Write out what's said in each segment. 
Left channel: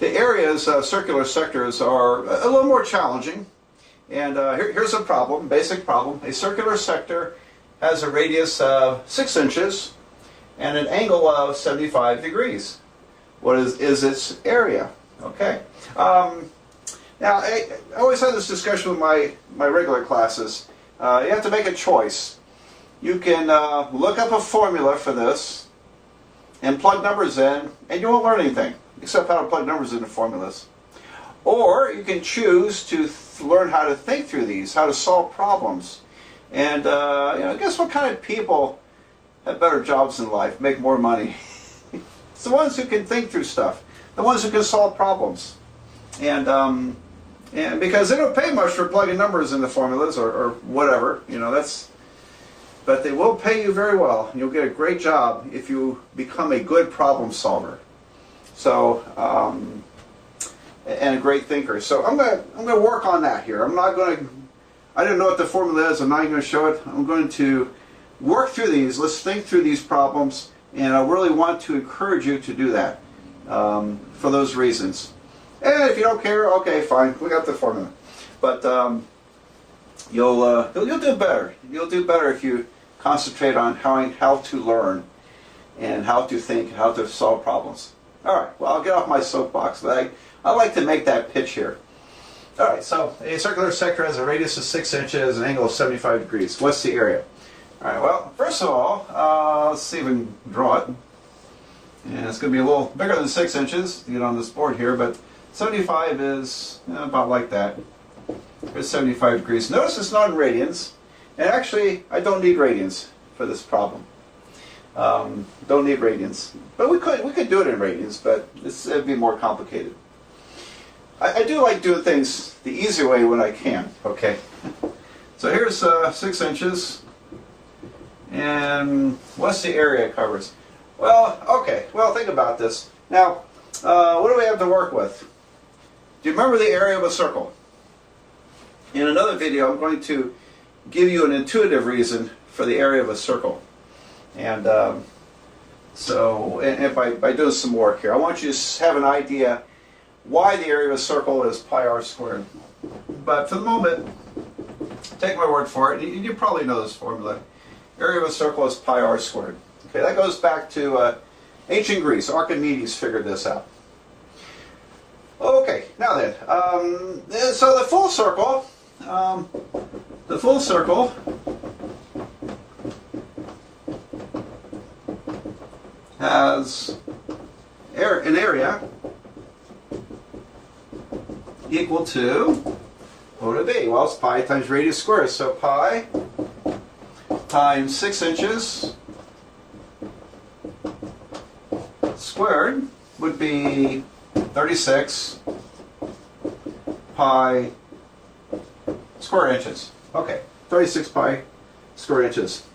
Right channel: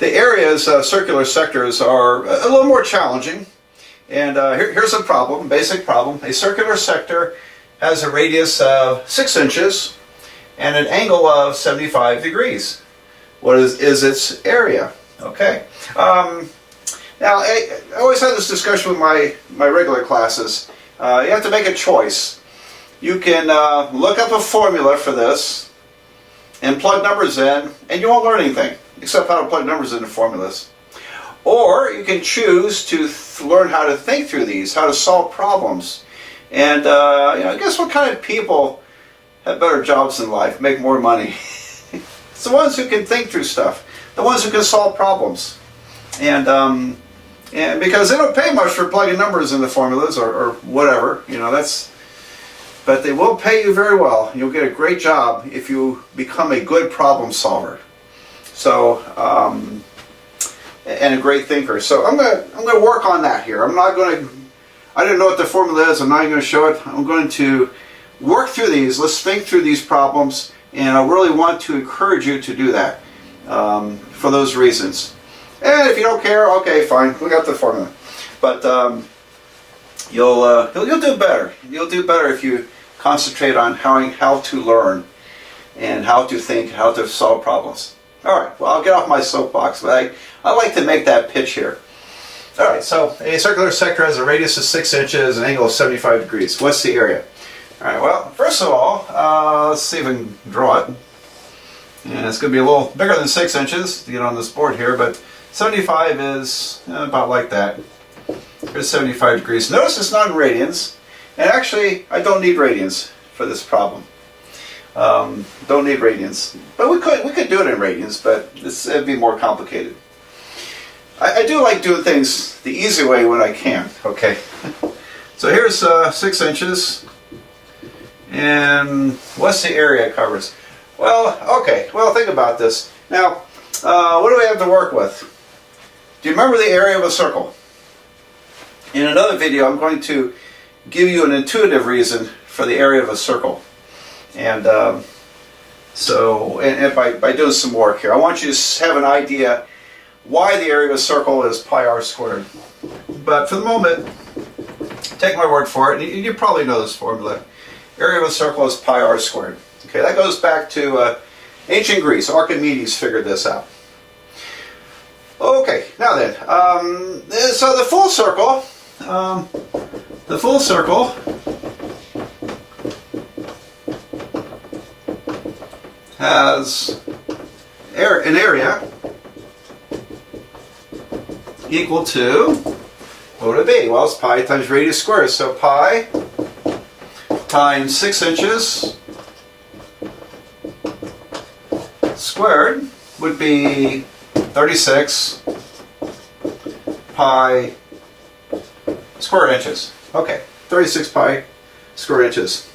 The areas, circular sectors, are a little more challenging. And here's a problem, basic problem. A circular sector has a radius of 6 inches and an angle of 75 degrees. What is its area? Okay. Now, I always have this discussion with my regular classes. You have to make a choice. You can look up a formula for this and plug numbers in, and you won't learn anything except how to plug numbers into formulas. Or you can choose to learn how to think through these, how to solve problems. And guess what kind of people have better jobs in life, make more money? It's the ones who can think through stuff, the ones who can solve problems. And because they don't pay much for plugging numbers into formulas or whatever, but they will pay you very well. You'll get a great job if you become a good problem solver. So, and a great thinker. So I'm gonna work on that here. I don't know what the formula is. I'm not even going to show it. I'm going to work through these. Let's think through these problems, and I really want to encourage you to do that for those reasons. And if you don't care, okay, fine. We got the formula. But you'll do better. You'll do better if you concentrate on how to learn and how to think, how to solve problems. All right. Well, I'll get off my soapbox, but I like to make that pitch here. All right. So a circular sector has a radius of 6 inches, an angle of 75 degrees. What's the area? All right. Well, first of all, let's see if we can draw it. And it's going to be a little bigger than 6 inches to get on this board here, but 75 is about like that. Here's 75 degrees. Notice it's not in radians, and actually I don't need radians for this problem. Don't need radians, but we could do it in radians, but it'd be more complicated. I do like doing things the easy way when I can. Okay, so here's 6 inches, and what's the area it covers? Well, okay. Well, think about this. Now, what do we have to work with? Do you remember the area of a circle? In another video, I'm going to give you an intuitive reason for the area of a circle. And by doing some work here, I want you to have an idea why the area of a circle is pi r squared. But for the moment, take my word for it, and you probably know this formula. Area of a circle is pi r squared. Okay, that goes back to ancient Greece. Archimedes figured this out. Okay, now then, so the full circle has an area equal to, what would it be? Well, it's pi times radius squared. So pi times 6 inches squared would be 36 pi square inches. Okay, 36 pi square inches.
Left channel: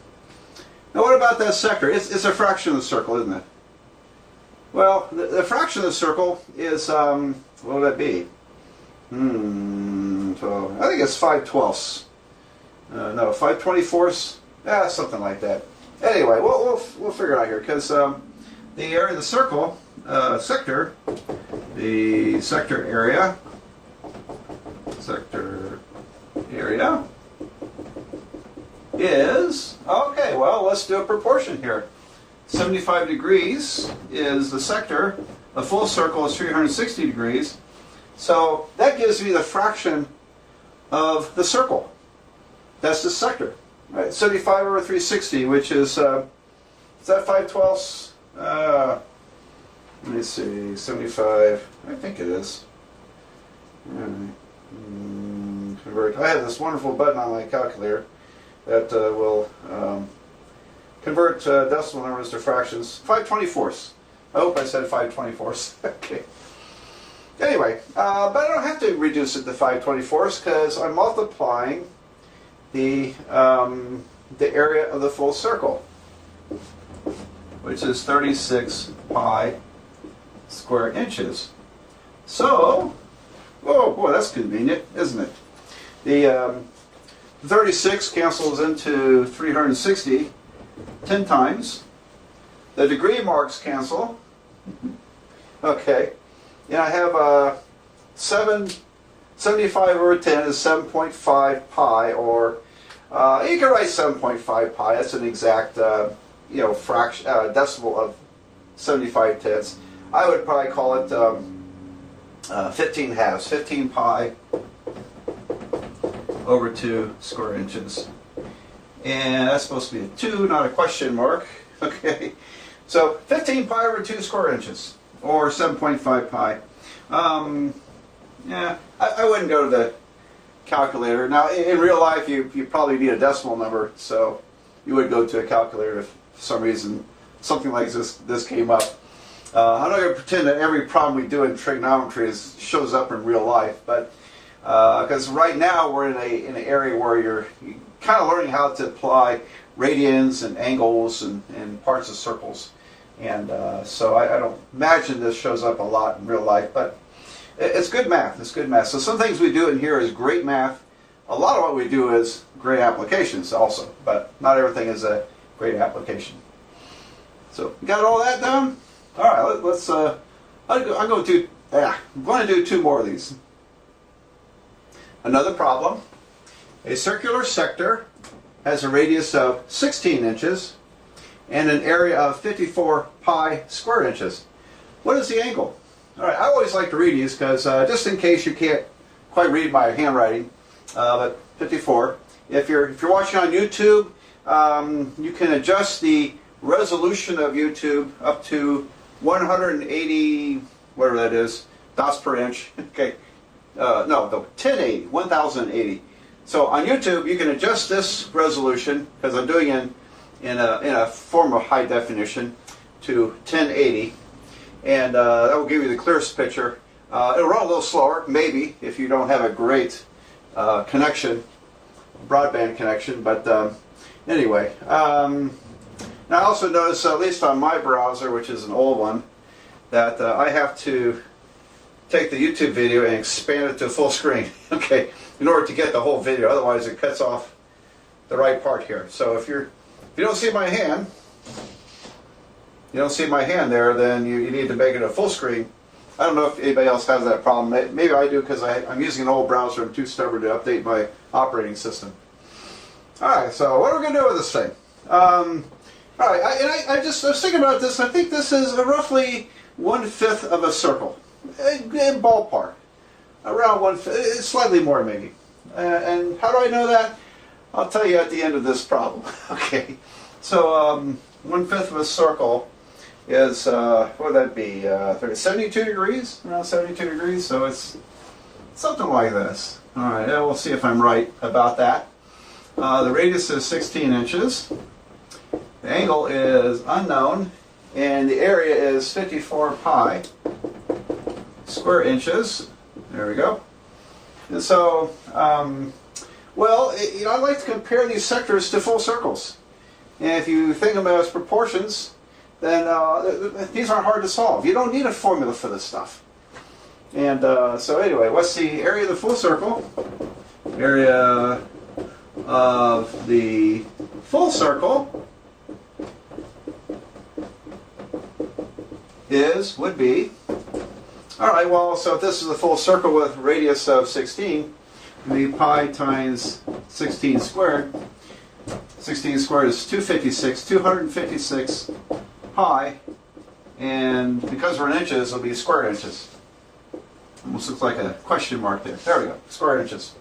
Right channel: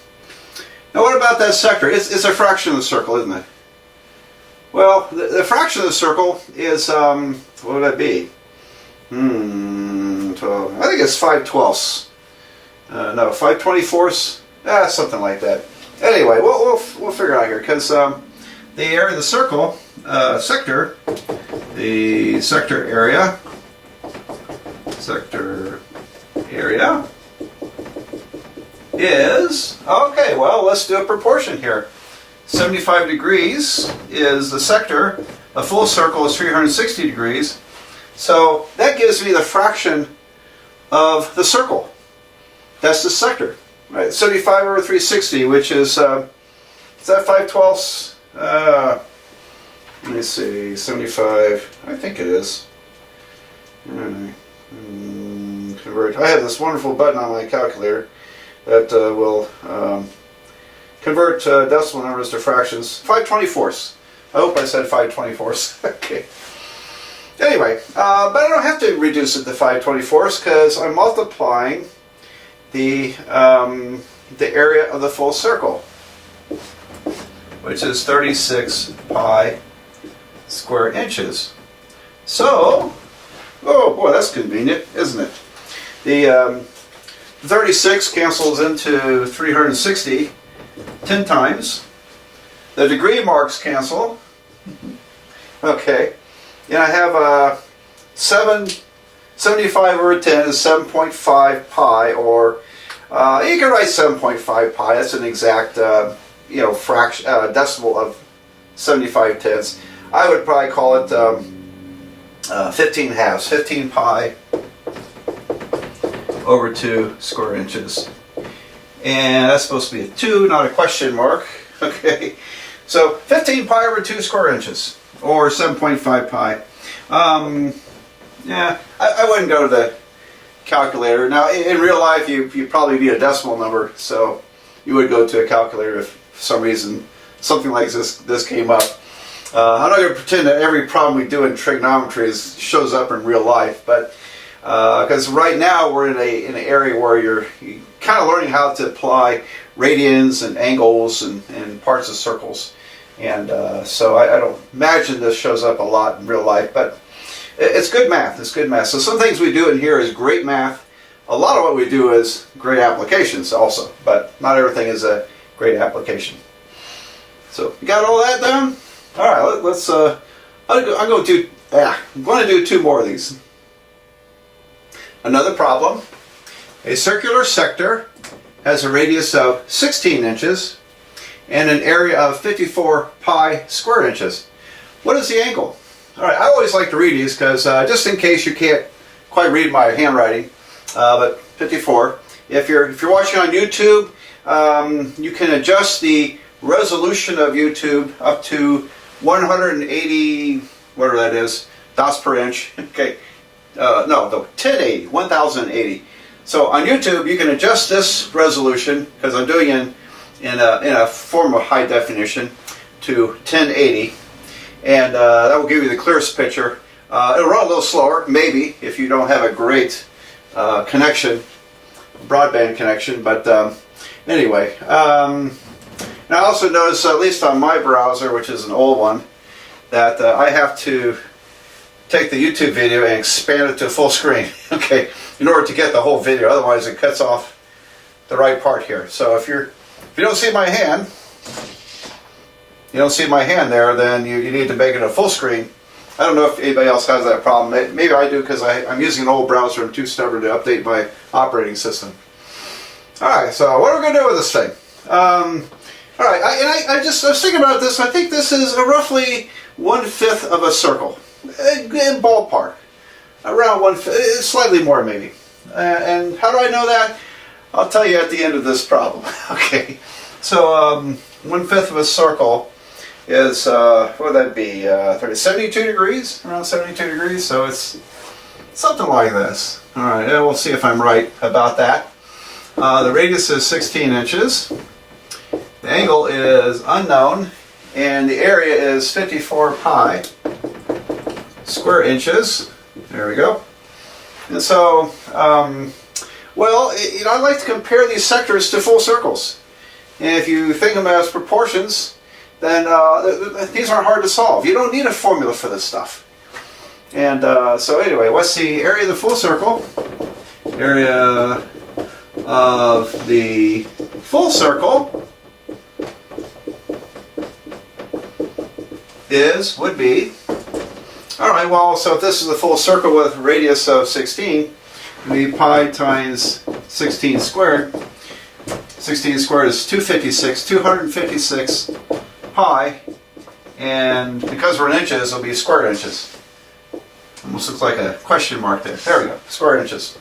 Now what about that sector? It's a fraction of the circle, isn't it? Well, the fraction of the circle is, what would that be? 12. I think it's 5/12. No, 5/24. Something like that. Anyway, we'll figure it out here, because the area of the circle, sector area is, okay, well, let's do a proportion here. 75 degrees is the sector. A full circle is 360 degrees. So that gives me the fraction of the circle. That's the sector. Right? 75 over 360, which is that 5/12? Let me see, 75, I think it is. Convert. I have this wonderful button on my calculator that will convert decimal numbers to fractions. 5/24. I hope I said 5/24. Okay. Anyway, but I don't have to reduce it to 5/24 because I'm multiplying the area of the full circle, which is 36 pi square inches. So, oh boy, that's convenient, isn't it? The 36 cancels into 360 10 times. The degree marks cancel. Okay. and I have 75 over 10 is 7.5 pi, or you can write 7.5 pi. That's an exact fraction decimal of 75 tenths. I would probably call it 15 halves, 15 pi over 2 square inches. And that's supposed to be a 2, not a question mark. Okay, so 15 pi over 2 square inches, or 7.5 pi. Yeah, I wouldn't go to the calculator. Now, in real life, you probably need a decimal number, so you would go to a calculator if for some reason something like this came up. I'm not going to pretend that every problem we do in trigonometry shows up in real life, but because right now we're in an area where you're kind of learning how to apply radians and angles and parts of circles, and so I don't imagine this shows up a lot in real life, but it's good math. It's good math. So some things we do in here is great math. A lot of what we do is great applications also, but not everything is a great application. So you got all that down? All right, let's. I'm going to do 2 more of these. Another problem. A circular sector has a radius of 16 inches and an area of 54 pi square inches. What is the angle? All right, I always like to read these because just in case you can't quite read my handwriting, but 54. If you're watching on YouTube, you can adjust the resolution of YouTube up to 180, whatever that is, dots per inch. Okay, no, 1080. So on YouTube, you can adjust this resolution, because I'm doing it in a form of high definition, to 1080, and that will give you the clearest picture. It'll run a little slower, maybe, if you don't have a great connection, broadband connection, but anyway. Now I also notice, at least on my browser, which is an old one, that I have to take the YouTube video and expand it to full screen, okay, in order to get the whole video. Otherwise it cuts off the right part here. So if you don't see my hand, there, then you need to make it a full screen. I don't know if anybody else has that problem. Maybe I do, because I'm using an old browser. I'm too stubborn to update my operating system. Alright, so what are we going to do with this thing? Alright, I was thinking about this. I think this is roughly 1/5 of a circle. In ballpark. Around 1/5, slightly more maybe. And how do I know that? I'll tell you at the end of this problem. Okay, so 1/5 of a circle is, what would that be, 72 degrees? Around 72 degrees, so it's something like this. Alright, we'll see if I'm right about that. The radius is 16 inches. The angle is unknown, and the area is 54 pi square inches. There we go. And so, well, I like to compare these sectors to full circles. And if you think of them as proportions, then these aren't hard to solve. You don't need a formula for this stuff. And so anyway, what's the area of the full circle? Area of the full circle would be, alright, well, so if this is a full circle with a radius of 16, it would be pi times 16 squared. 16 squared is 256 pi, and because we're in inches, it'll be square inches. Almost looks like a question mark there. There we go, square inches.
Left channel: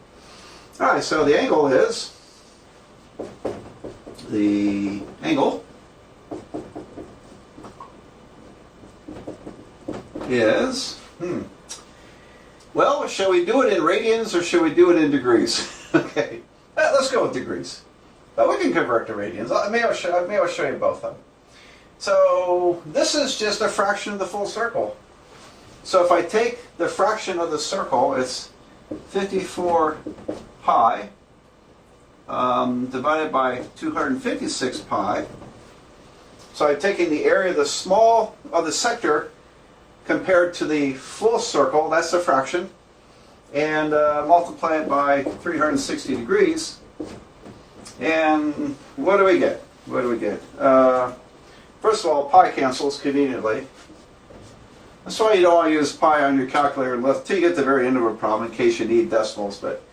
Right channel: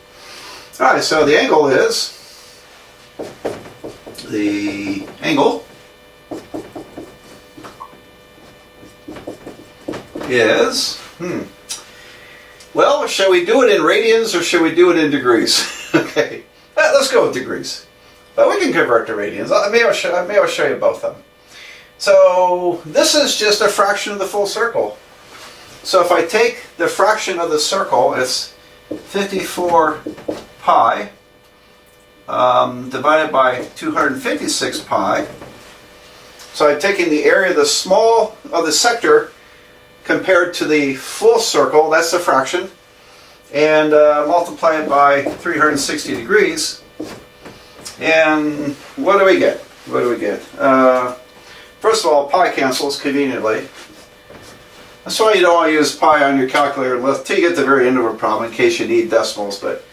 Alright, so the angle is, well, shall we do it in radians or should we do it in degrees? Okay, let's go with degrees. But we can convert to radians. Maybe I'll show you both of them. So this is just a fraction of the full circle. So if I take the fraction of the circle, it's 54 pi divided by 256 pi. So I'm taking the area of the small of the sector compared to the full circle, that's the fraction, and multiply it by 360 degrees. And what do we get? First of all, pi cancels conveniently. That's why you don't want to use pi on your calculator until you get to the very end of a problem in case you need decimals. But,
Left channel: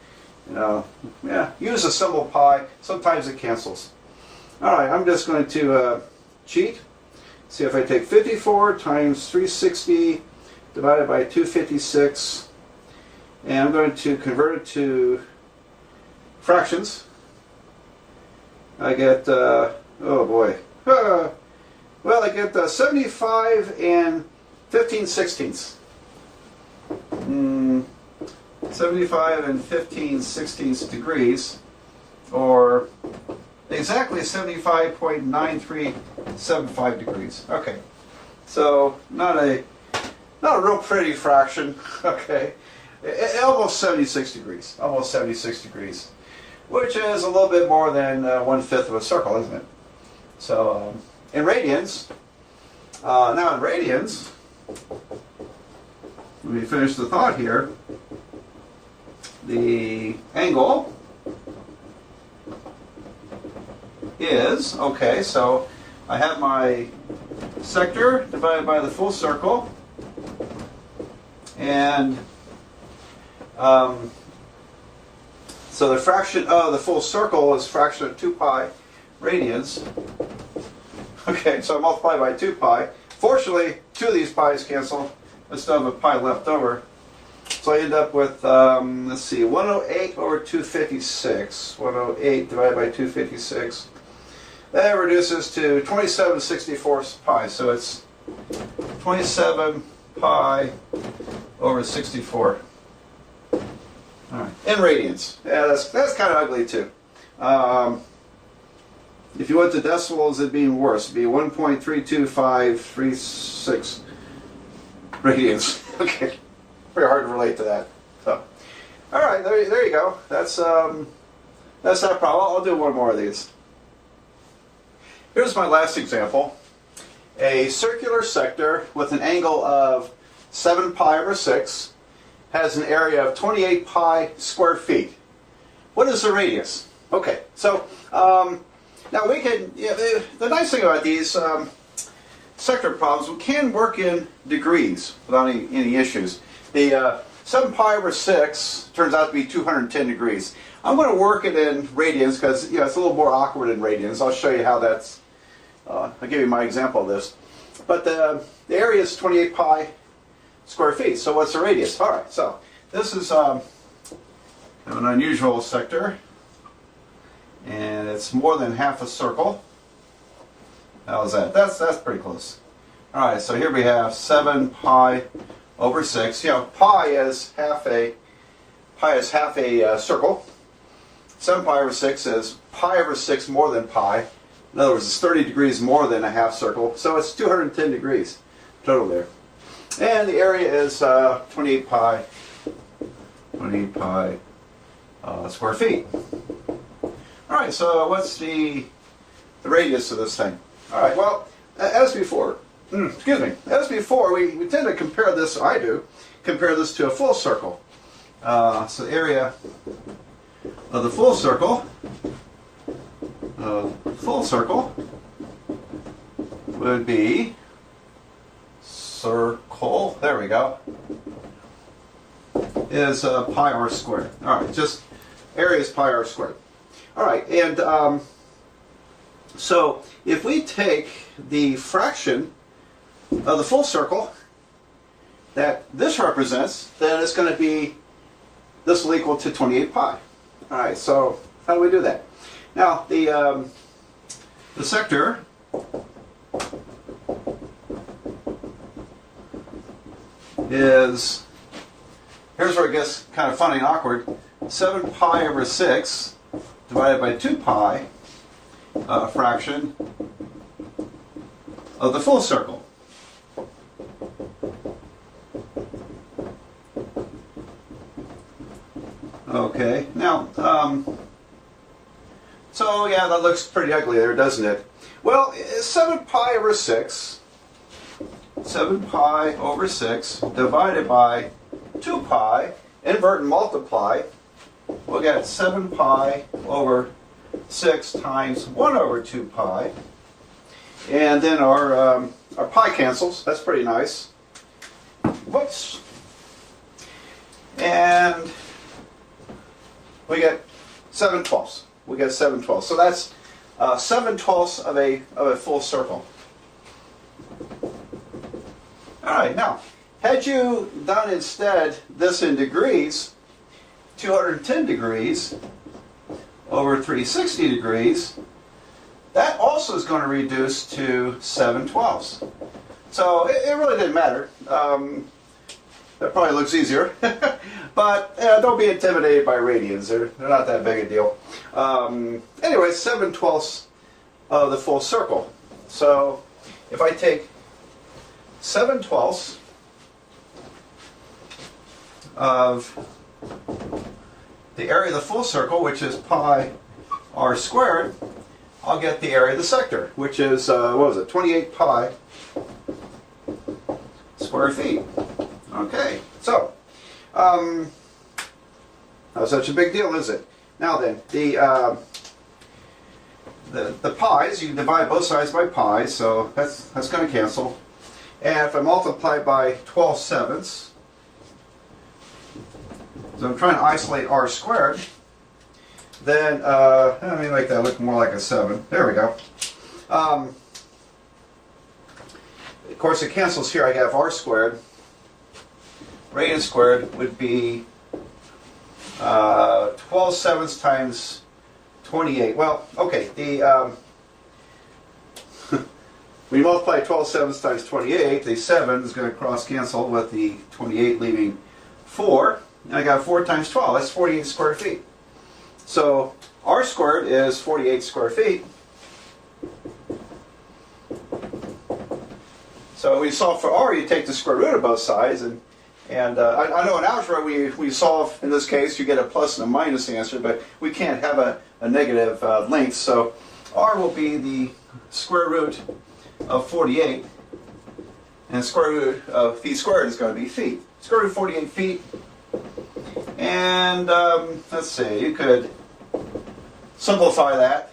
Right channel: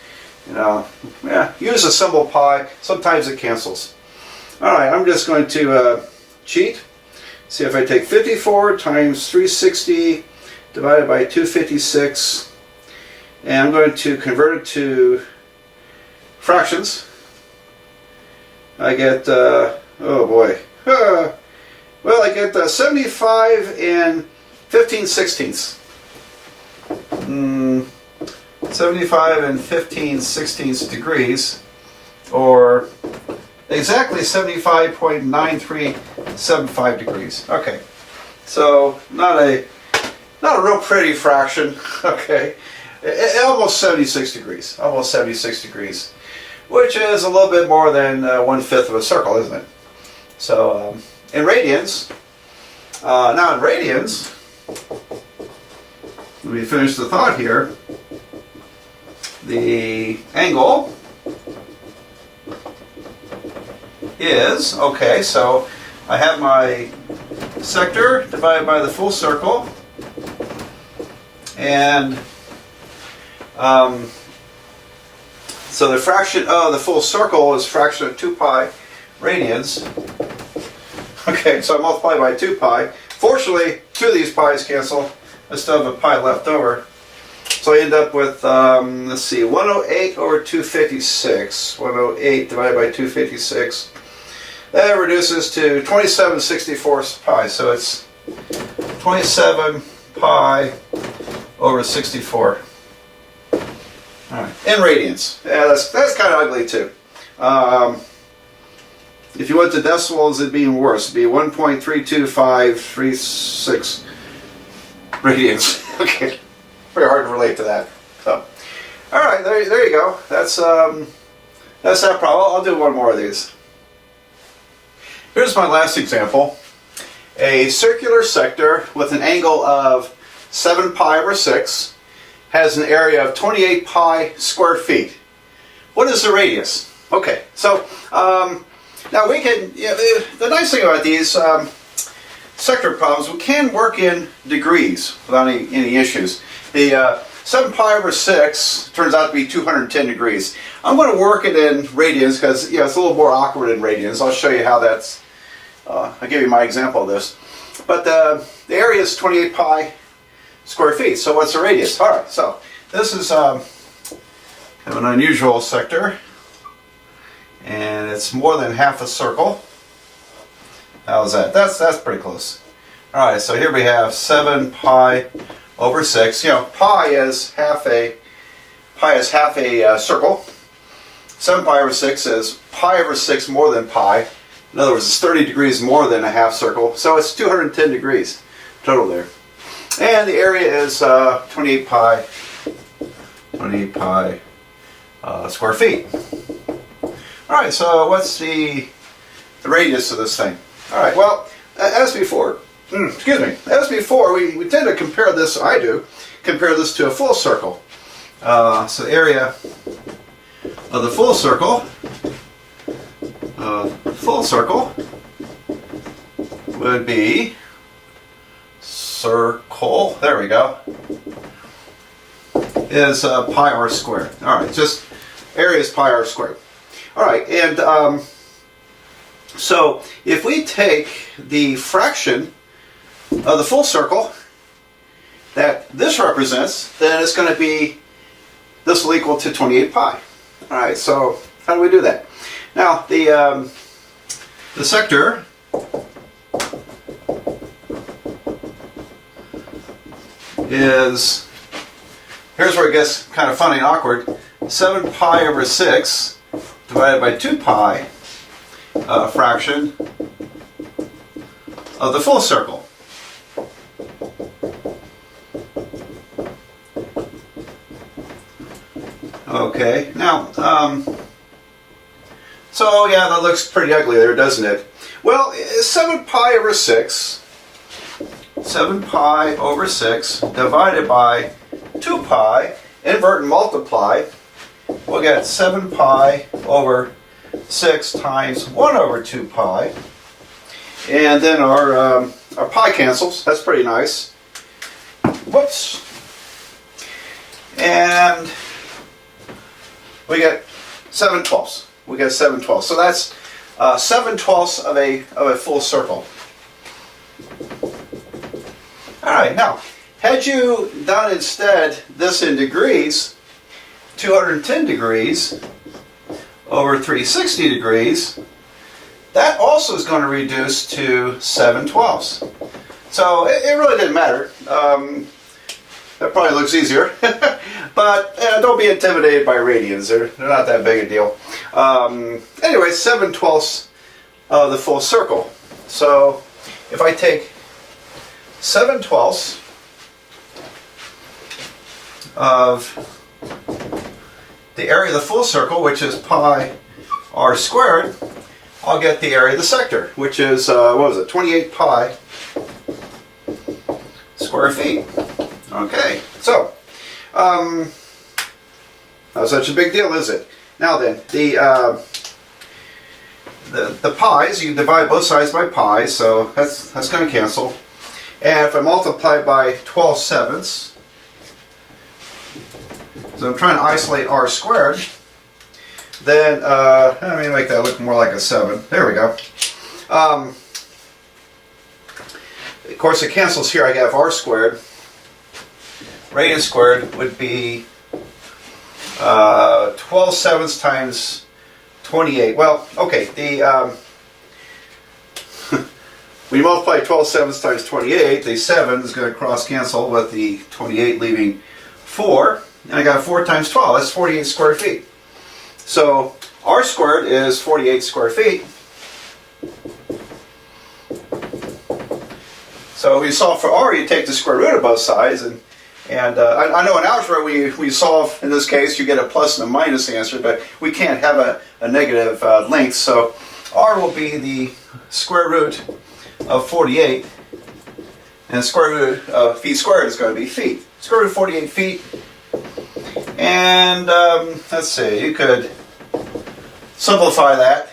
you know, yeah, use a symbol pi. Sometimes it cancels. All right, I'm just going to cheat. See if I take 54 times 360 divided by 256, and I'm going to convert it to fractions. I get, oh boy, well, I get 75 and 15 sixteenths. 75 and 15 sixteenths degrees, or exactly 75.9375 degrees. Okay, so not a real pretty fraction. Okay, almost 76 degrees. Almost 76 degrees, which is a little bit more than 1/5 of a circle, isn't it? So in radians. Now in radians, let me finish the thought here. The angle is, okay, so I have my sector divided by the full circle, and so the fraction of the full circle is fraction of 2 pi radians. Okay, so I multiply by 2 pi. Fortunately, 2 of these pi's cancel. I still have a pi left over. So I end up with, let's see, 108 over 256. 108 divided by 256. That reduces to 27/64 pi. So it's 27 pi over 64. All right, in radians. Yeah, that's kind of ugly too. If you went to decimals, it'd be even worse. It'd be 1.32536 radians. Okay, very hard to relate to that. So, all right, there you go. That's that problem. I'll do one more of these. Here's my last example. A circular sector with an angle of 7 pi over 6 has an area of 28 pi square feet. What is the radius? Okay, so now we can, the nice thing about these sector problems, we can work in degrees without any issues. The 7 pi over 6 turns out to be 210 degrees. I'm going to work it in radians because it's a little more awkward in radians. I'll show you how that's, I'll give you my example of this. But the area is 28 pi square feet, so what's the radius? All right, so this is kind of an unusual sector, and it's more than half a circle. How's that? That's pretty close. All right, so here we have 7 pi over 6. Pi is half a circle. 7 pi over 6 is pi over 6 more than pi. In other words, it's 30 degrees more than a half circle, so it's 210 degrees total there. And the area is 28 pi square feet. All right, so what's the radius of this thing? All right, well, as before, we tend to compare this, compare this to a full circle. So the area of the full circle would be circle, there we go, is pi r squared. All right, just area is pi r squared. All right, and so if we take the fraction of the full circle that this represents, then it's going to be, this will equal to 28 pi. All right, so how do we do that? Now, the sector is, here's where it gets kind of funny and awkward, 7 pi over 6 divided by 2 pi, fraction of the full circle. Okay, now, so yeah, that looks pretty ugly there, doesn't it? Well, 7 pi over 6, 7 pi over 6 divided by 2 pi, invert and multiply, we'll get 7 pi over 6 times 1 over 2 pi. And then our pi cancels. That's pretty nice. whoops, and we get 7/12. We get 7/12. So that's 7/12 of a full circle. All right, now, had you done instead this in degrees, 210 degrees over 360 degrees, that also is going to reduce to 7/12. So it really didn't matter. That probably looks easier. But don't be intimidated by radians. They're not that big a deal. Anyway, 7/12 of the full circle. So if I take 7/12 of the area of the full circle, which is pi r squared, I'll get the area of the sector, which is, what was it, 28 pi square feet. Okay, so, not such a big deal, is it? Now then, the pi's, you can divide both sides by pi, so that's going to cancel. And if I multiply by 12/7, so I'm trying to isolate r squared, then, let me make that look more like a 7. There we go. Of course, it cancels here. I have r squared. Radians squared would be 12/7 times 28. Well, okay, when you multiply 12/7 times 28, the 7 is going to cross cancel with the 28 leaving 4. And I got 4 times 12. That's 48 square feet. So r squared is 48 square feet. So when you solve for r, you take the square root of both sides. And I know in algebra, we solve, in this case, you get a plus and a minus answer, but we can't have a negative length. So r will be the square root of 48. And the square root of feet squared is going to be feet. Square root of 48 feet. And let's see, you could simplify that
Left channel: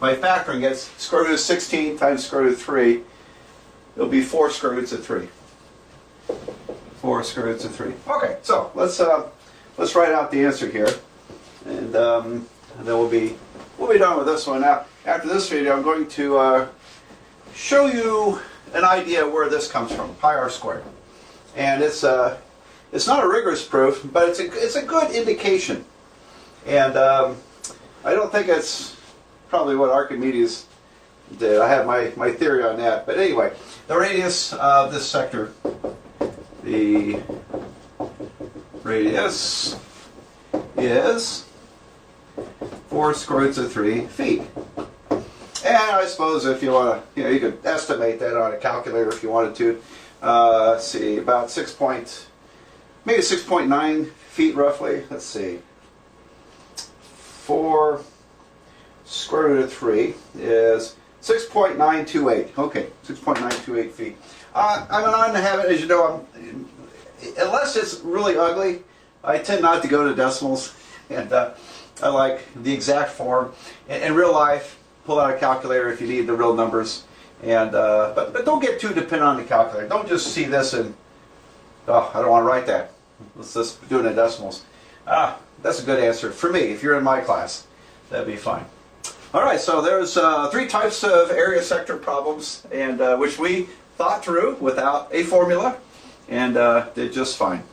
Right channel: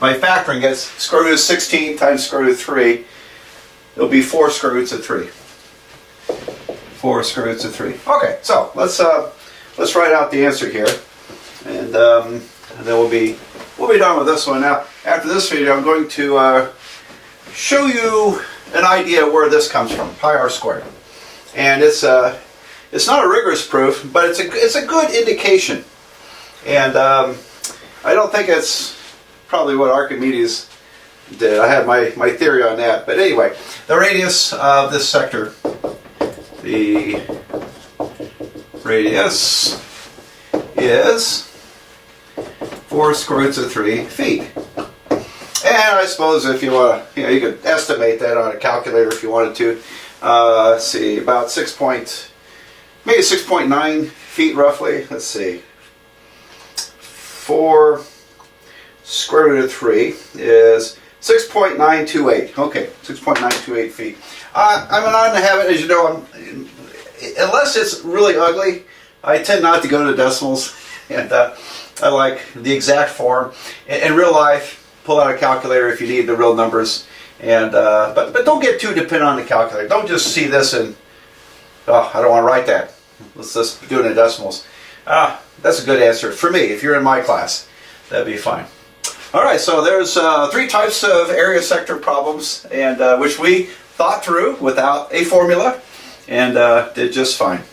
by factoring. It's square root of 16 times square root of 3. It'll be 4 square roots of 3. 4 square roots of 3. Okay, so let's write out the answer here, and then we'll be done with this one. Now, after this video, I'm going to show you an idea where this comes from, pi r squared. And it's not a rigorous proof, but it's a good indication. And I don't think it's probably what Archimedes did. I have my theory on that. But anyway, the radius of this sector, the radius is 4 square roots of 3 feet. And I suppose if you want to, you could estimate that on a calculator if you wanted to. Let's see, about maybe 6.9 feet roughly. Let's see. 4 square root of 3 is 6.928. Okay, 6.928 feet. I'm not in the habit, as you know, unless it's really ugly, I tend not to go to decimals. And I like the exact form. In real life, pull out a calculator if you need the real numbers. And but don't get too dependent on the calculator. Don't just see this and, oh, I don't want to write that. Let's just do it in decimals. That's a good answer for me. If you're in my class, that'd be fine. All right, so there's 3 types of area sector problems, and which we thought through without a formula, and did just fine.